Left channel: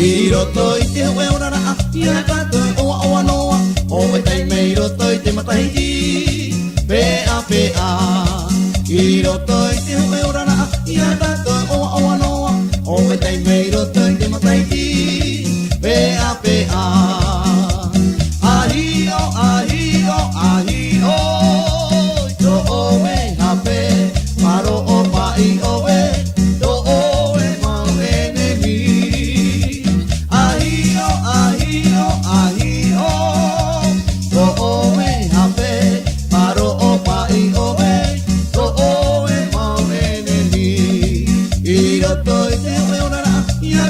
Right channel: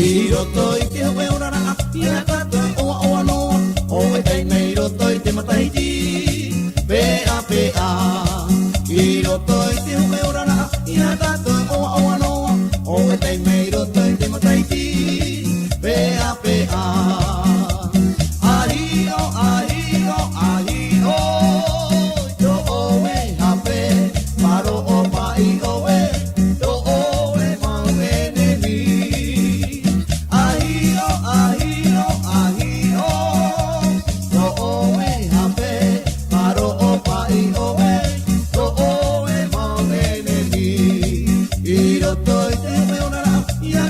Iro toi te hoe ora a ia kato oa oa noa o e tai meiro toi te matahiti pea pea. Iro toi te hoe ora a ia kato oa oa noa o e tai meiro toi te matahiti pea pea. Ahio ahio ahio to o me hape paro o pai o ve to o e mau enemy. Ahio, ahio, ahio, to o me hape, paro o pai o me, to o e mau enemy. Iro toi te o e ona ia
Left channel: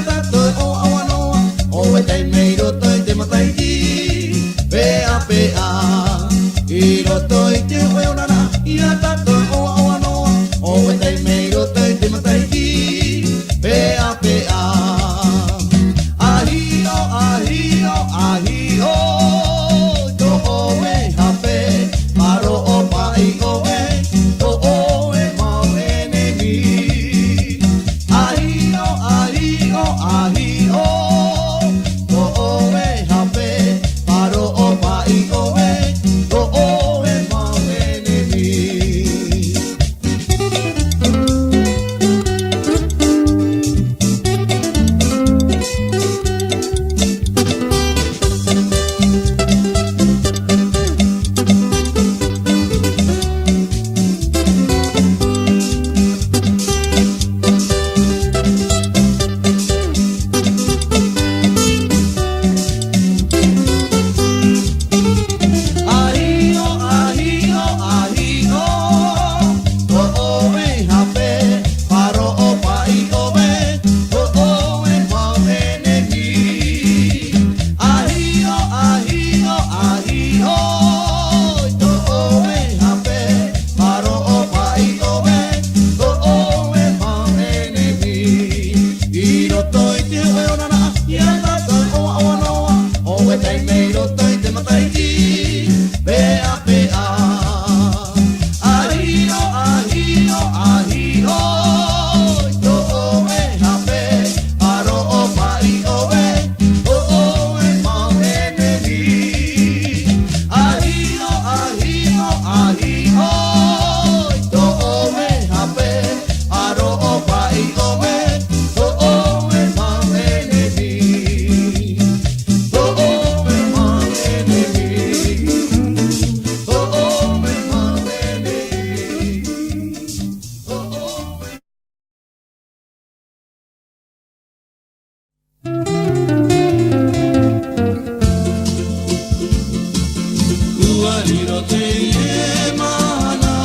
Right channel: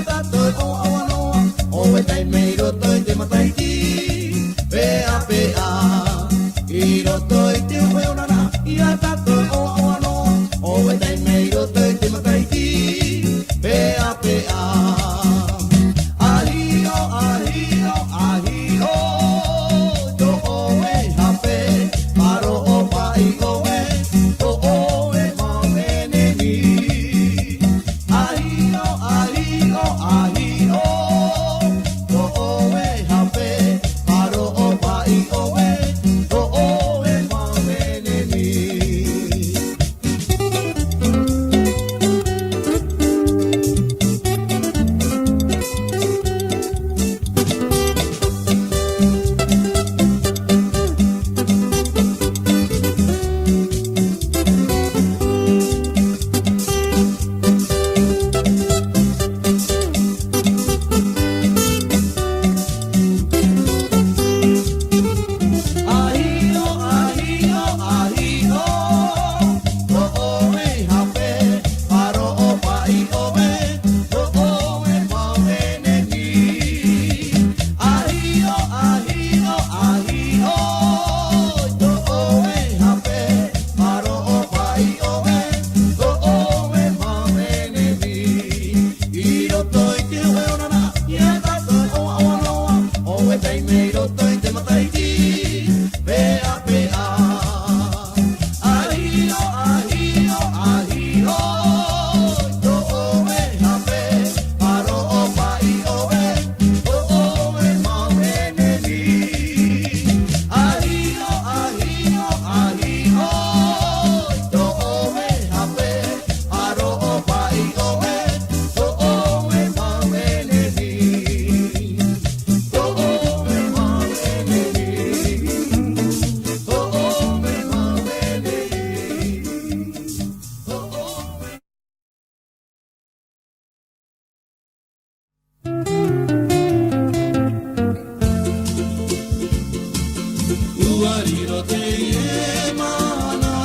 te ie mana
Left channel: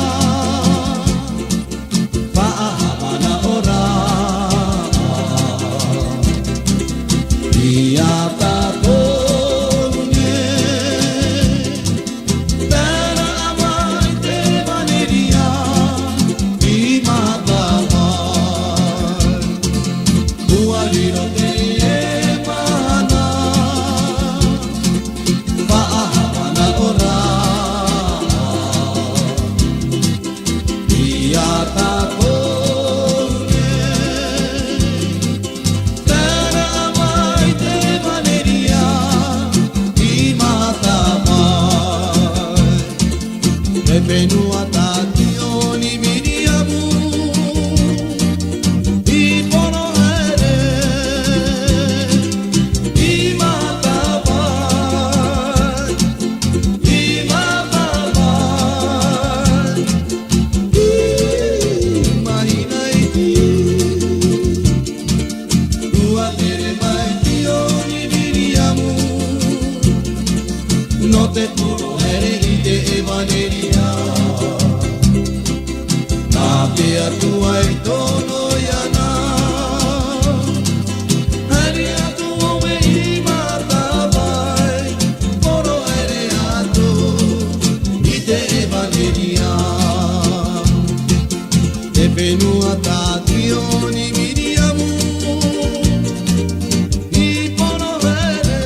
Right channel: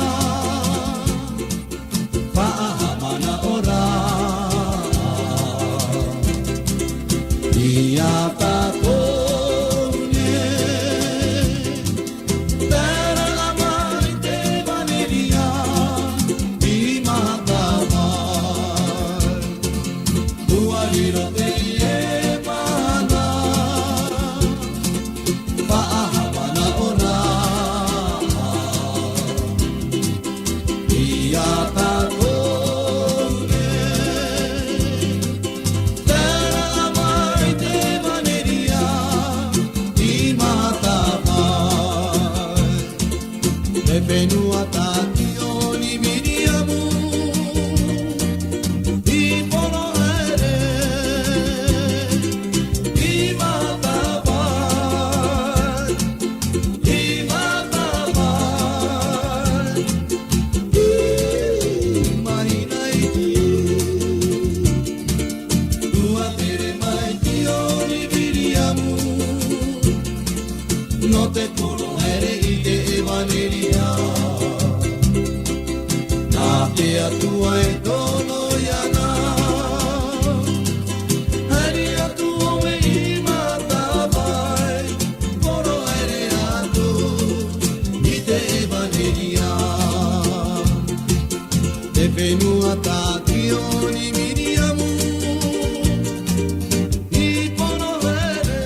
Pahamana ora Ia tatone Tara amai te valeria I mata mai Uariro te ie mana Pahamana ora Ia tatone Venua tationi miriamu I pono ere I mata vai I mata vai I mahina iti Ua tere mai tioni miriamu No te puro ere I te evaneria Te atua e tono iana Hari atu ome I mata vai Poro ere atu I te evangelia Te whenua tātioni miriamu I poro ere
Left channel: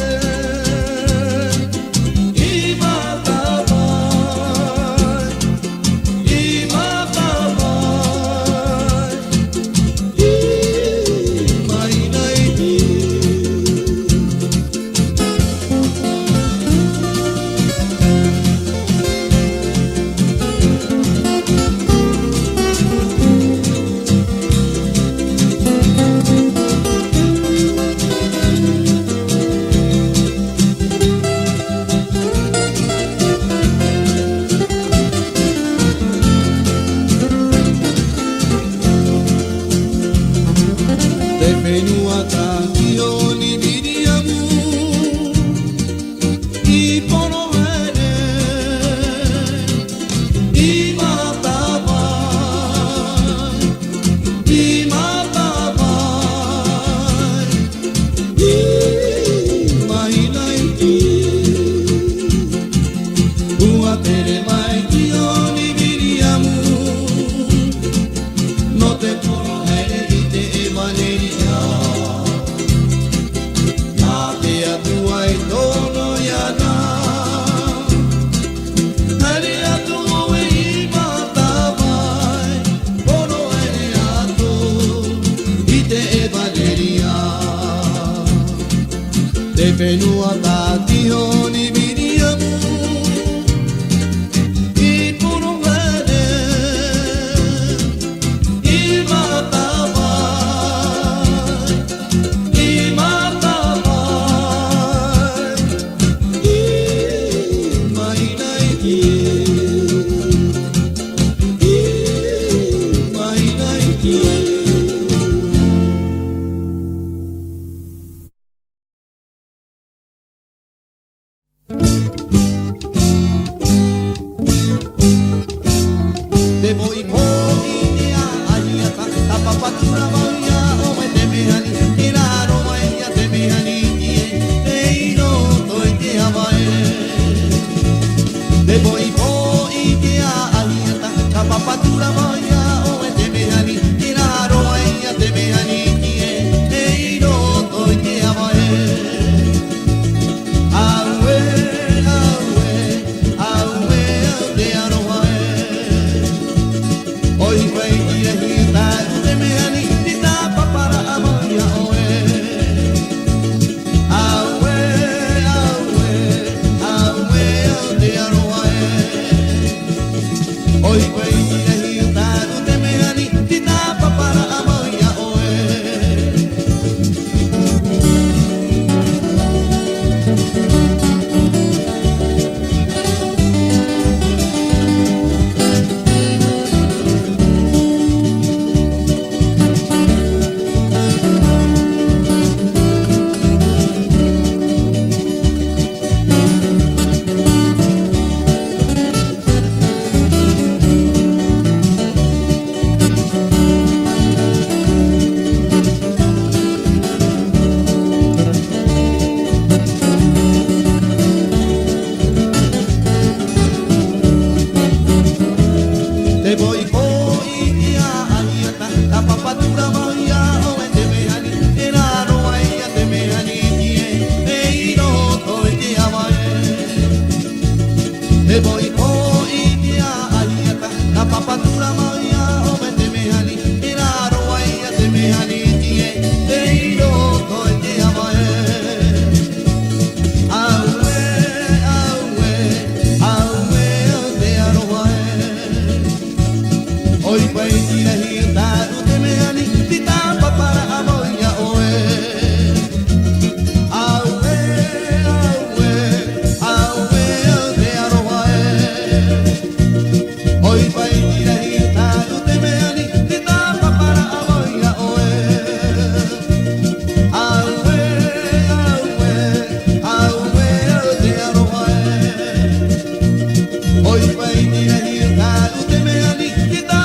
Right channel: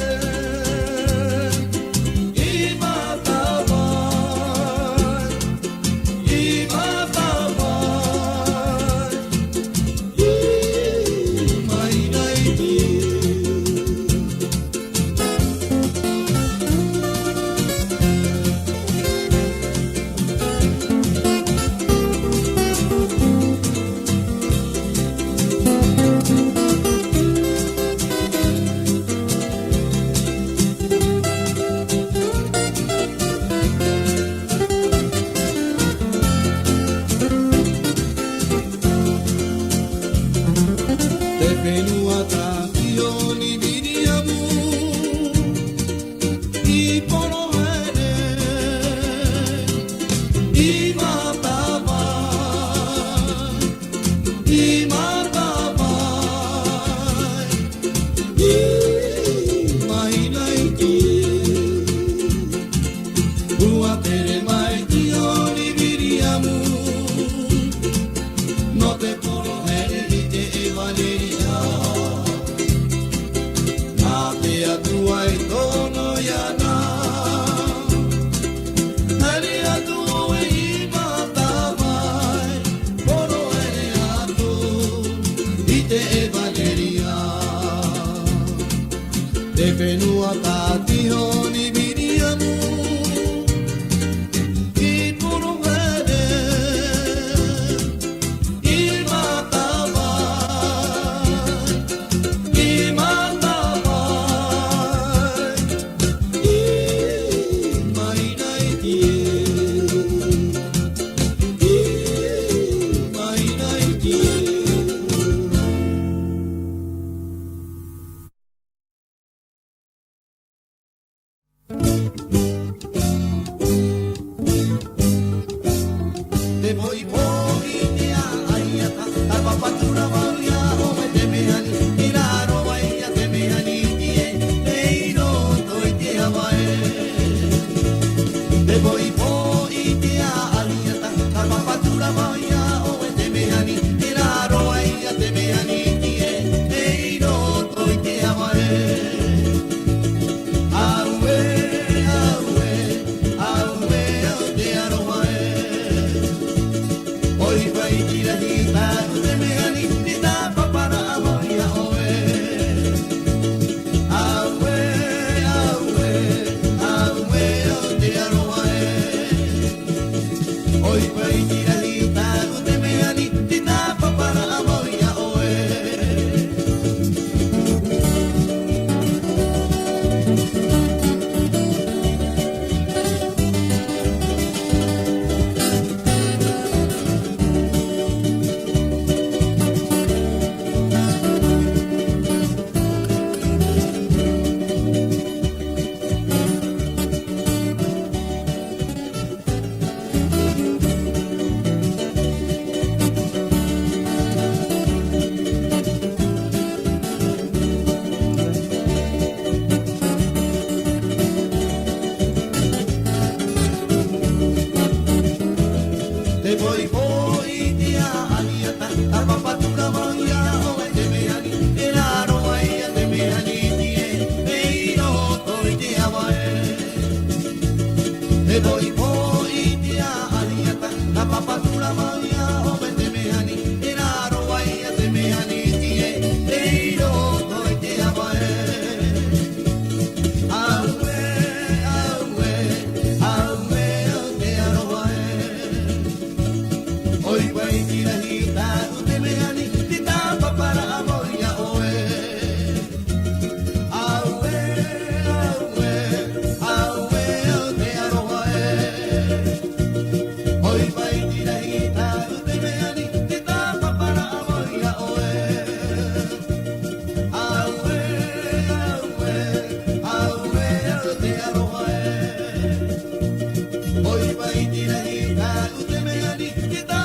I mata vai I mata Te whenua tātioni miriamu I pono ere I mata vai I mata vai I mahina iti Ua tere mai tioni miriamu No te puno ere I te evaneria Atua e tono iana Hari atu oe I mata vai Poro ere atu I te evaneria Te whenua tātioni miriamu I poro ere I mata vai I mata vai voy hoy a ayata a papatura maya o te me ani era no ay te me ani tie no toy te amae te voy hoy a ayata a papatura maya o te me ani era no ay te me ani tie no toy te amae Hoy voy a ir a usted me ani tita para amoya oe aue de aroae Hoy voy a ir a usted me ani tita para amoya oe aue de aroae Hoy voy a ir a usted me ani tita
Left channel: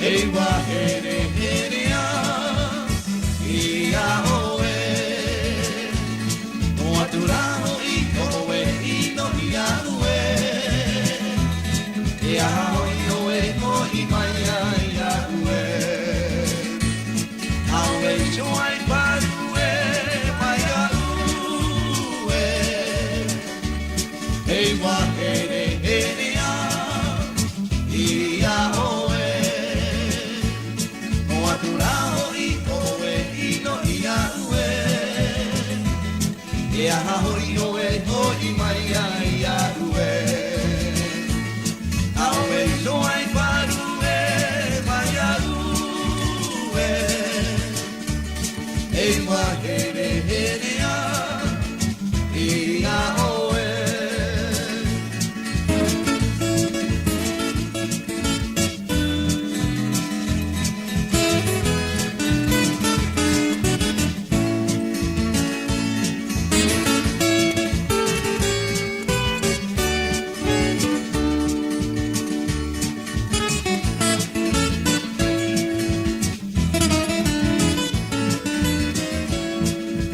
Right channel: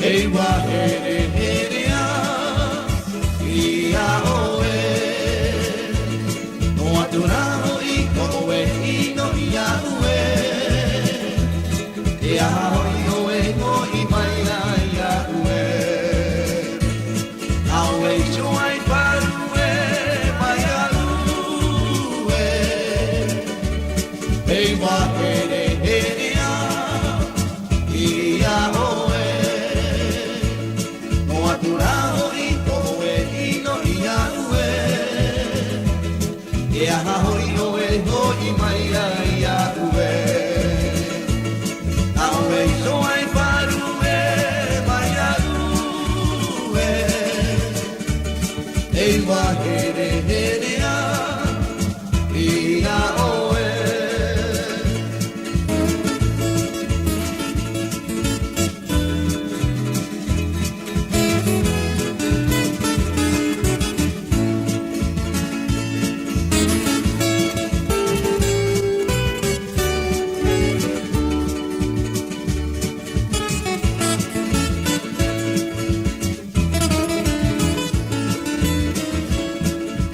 Ewa here here ya, ia oe. wa here here a ia oe o atura hoi o e ino ia ue e aha hoi oe hoi mai ia ue a oe so ai paru e mai a ue e wa here here a ia oe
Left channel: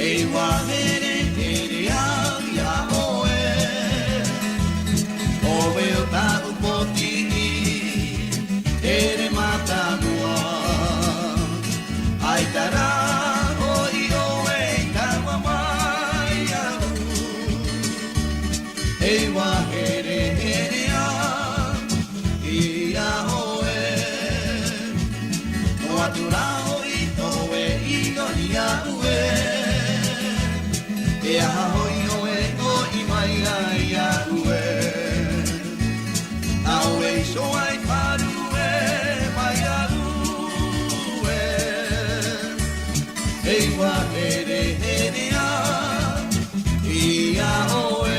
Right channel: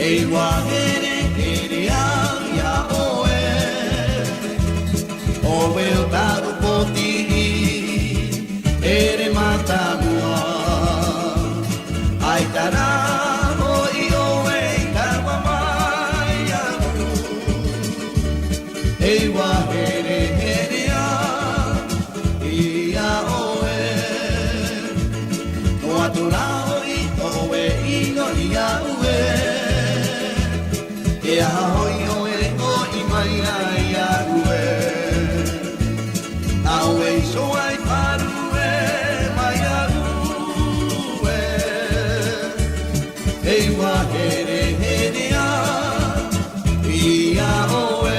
e wa here here a ia oe o veo tau poti ere mata mua ai tara hoi oe kawa mai au e wa here here a ia oe o atura hoi o e ino ia ue e aha hoi oe hoi mai ai a ue a oe so ai paru e mai a ue e wa here here a ia oe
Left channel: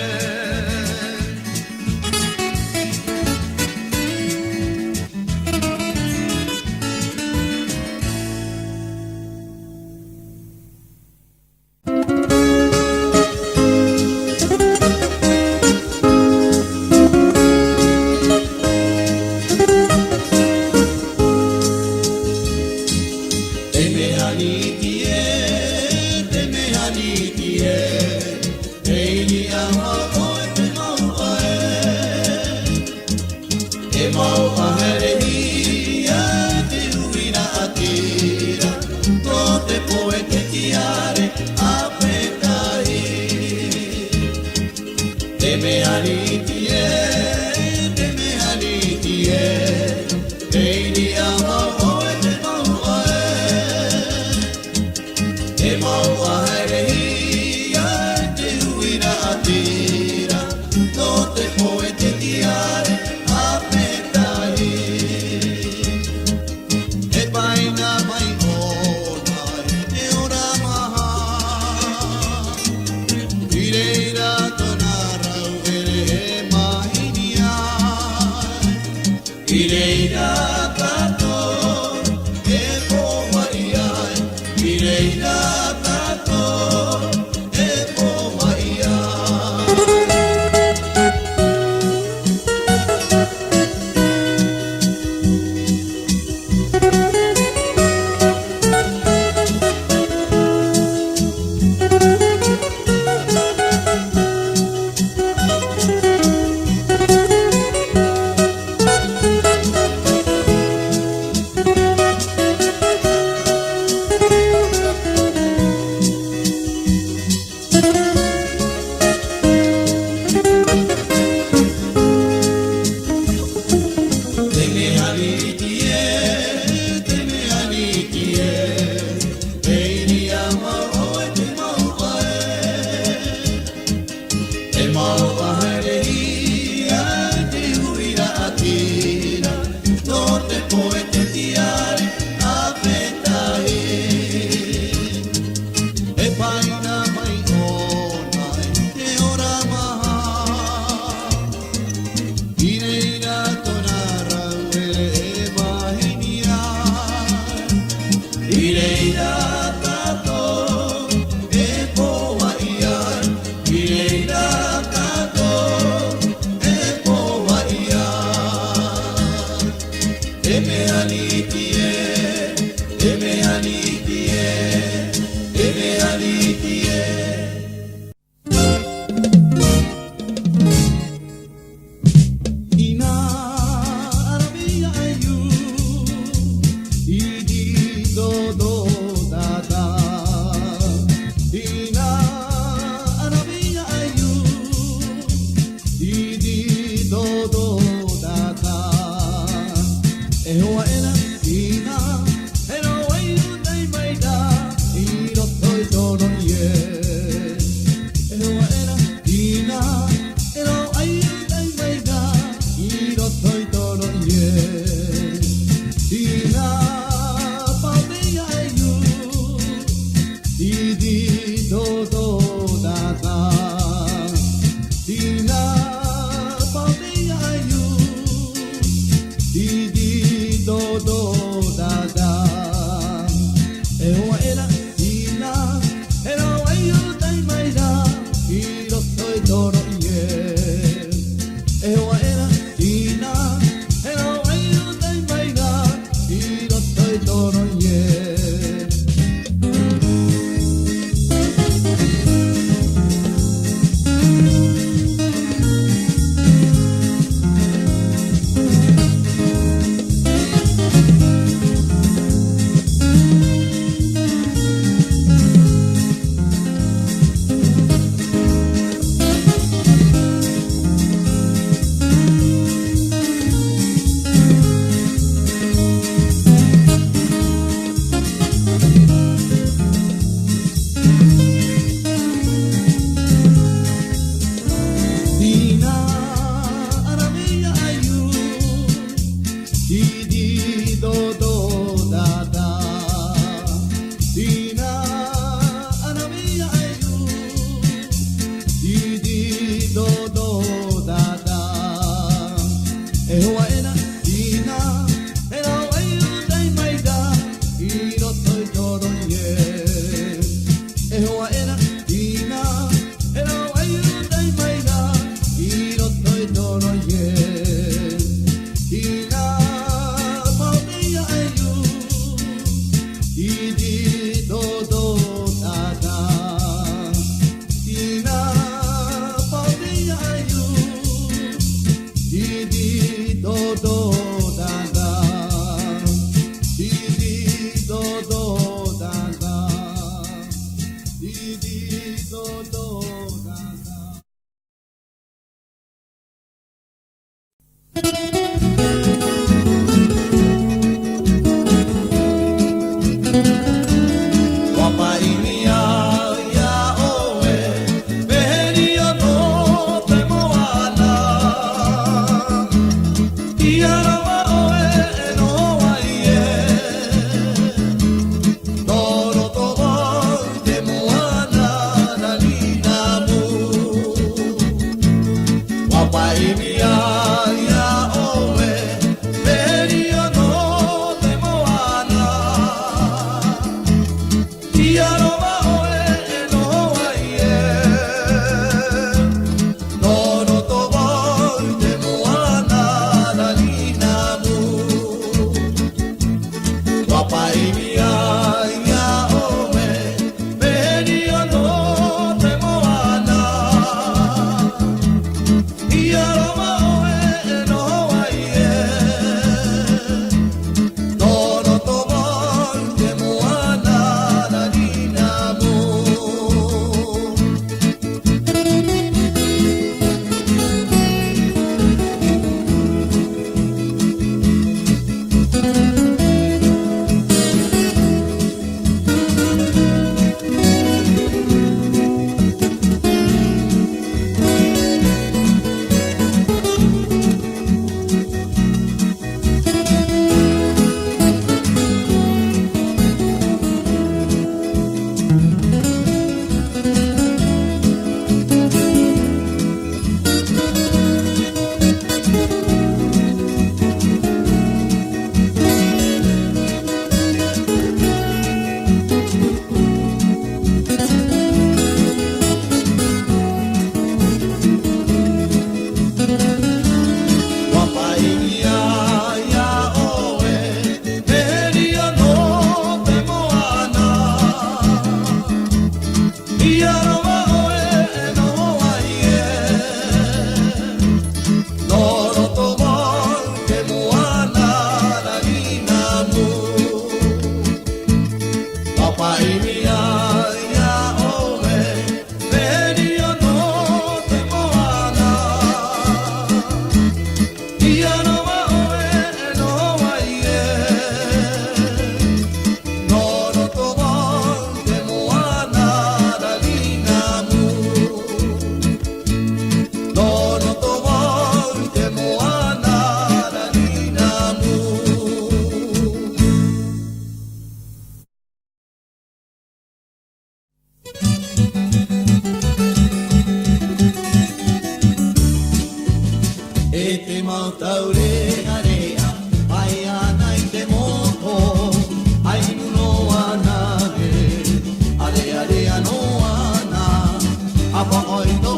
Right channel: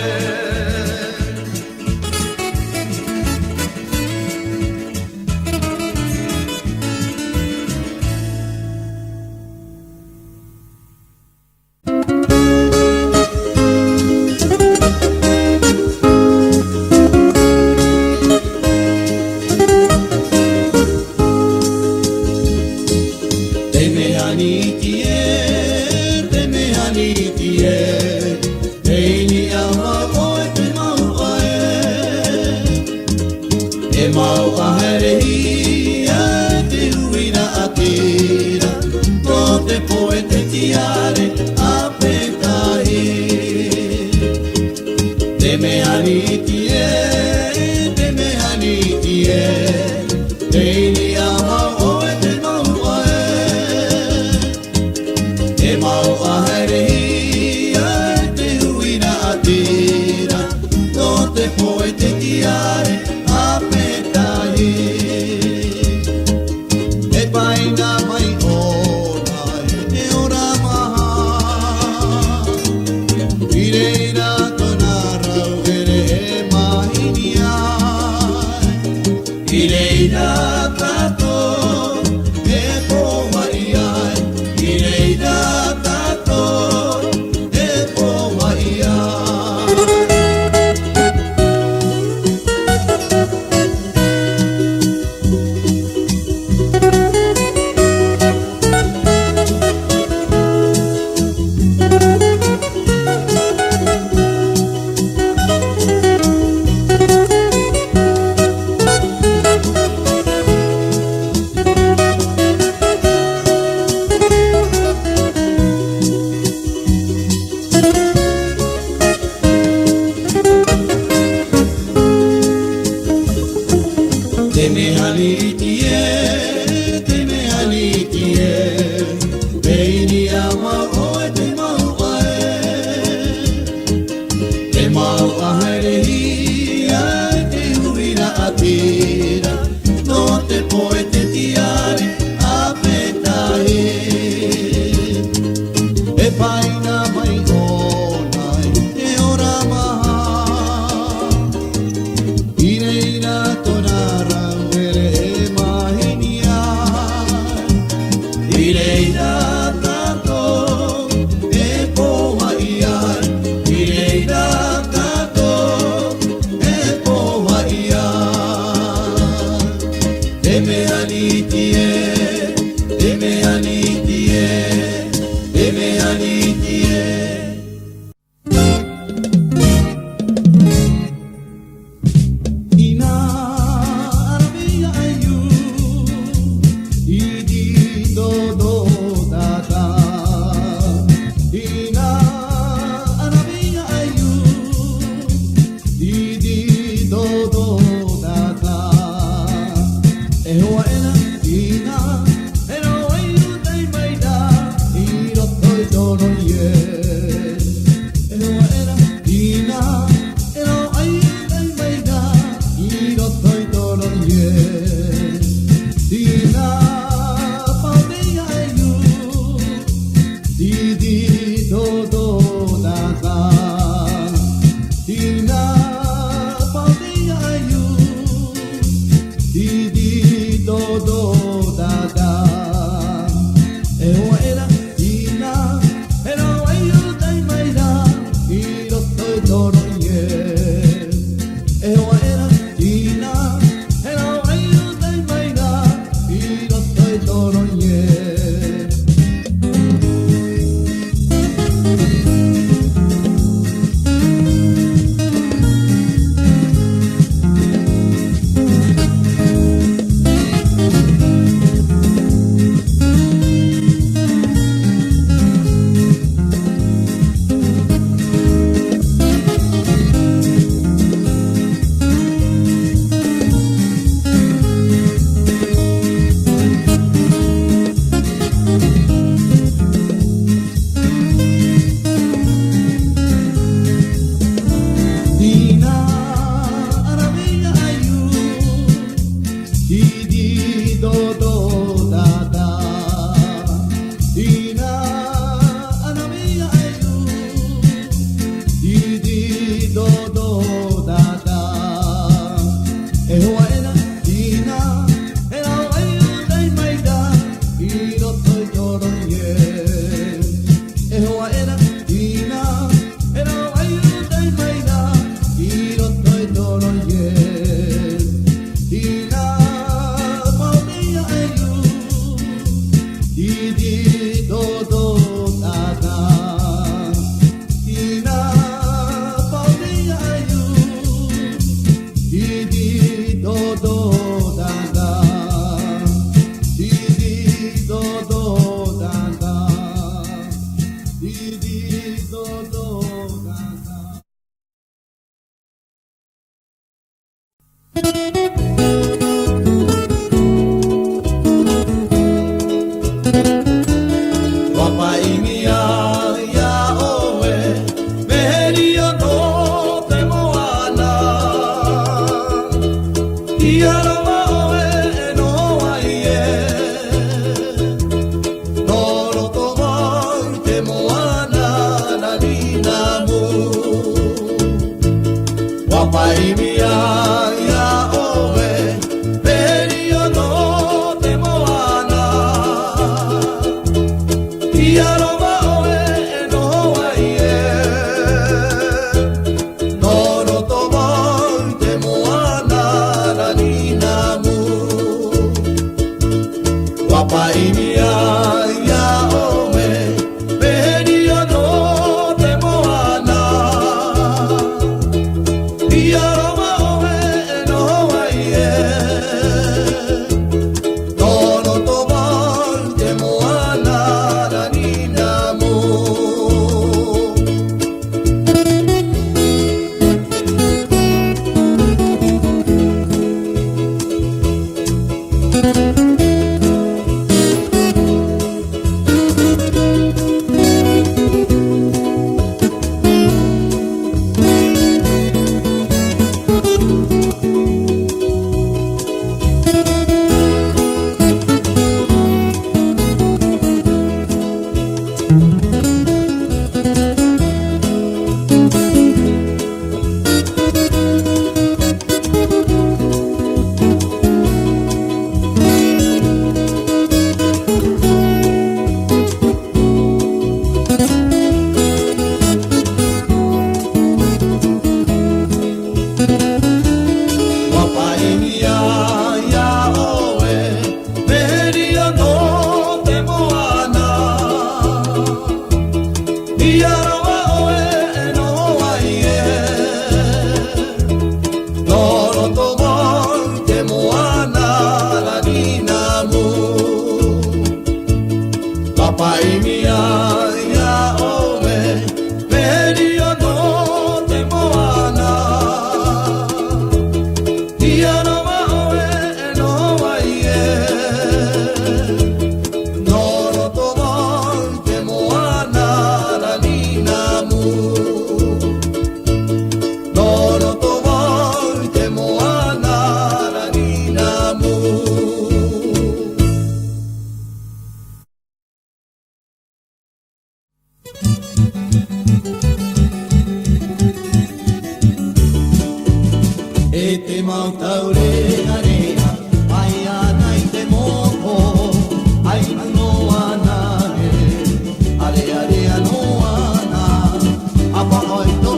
Apa oi to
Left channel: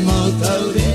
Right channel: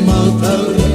mau tau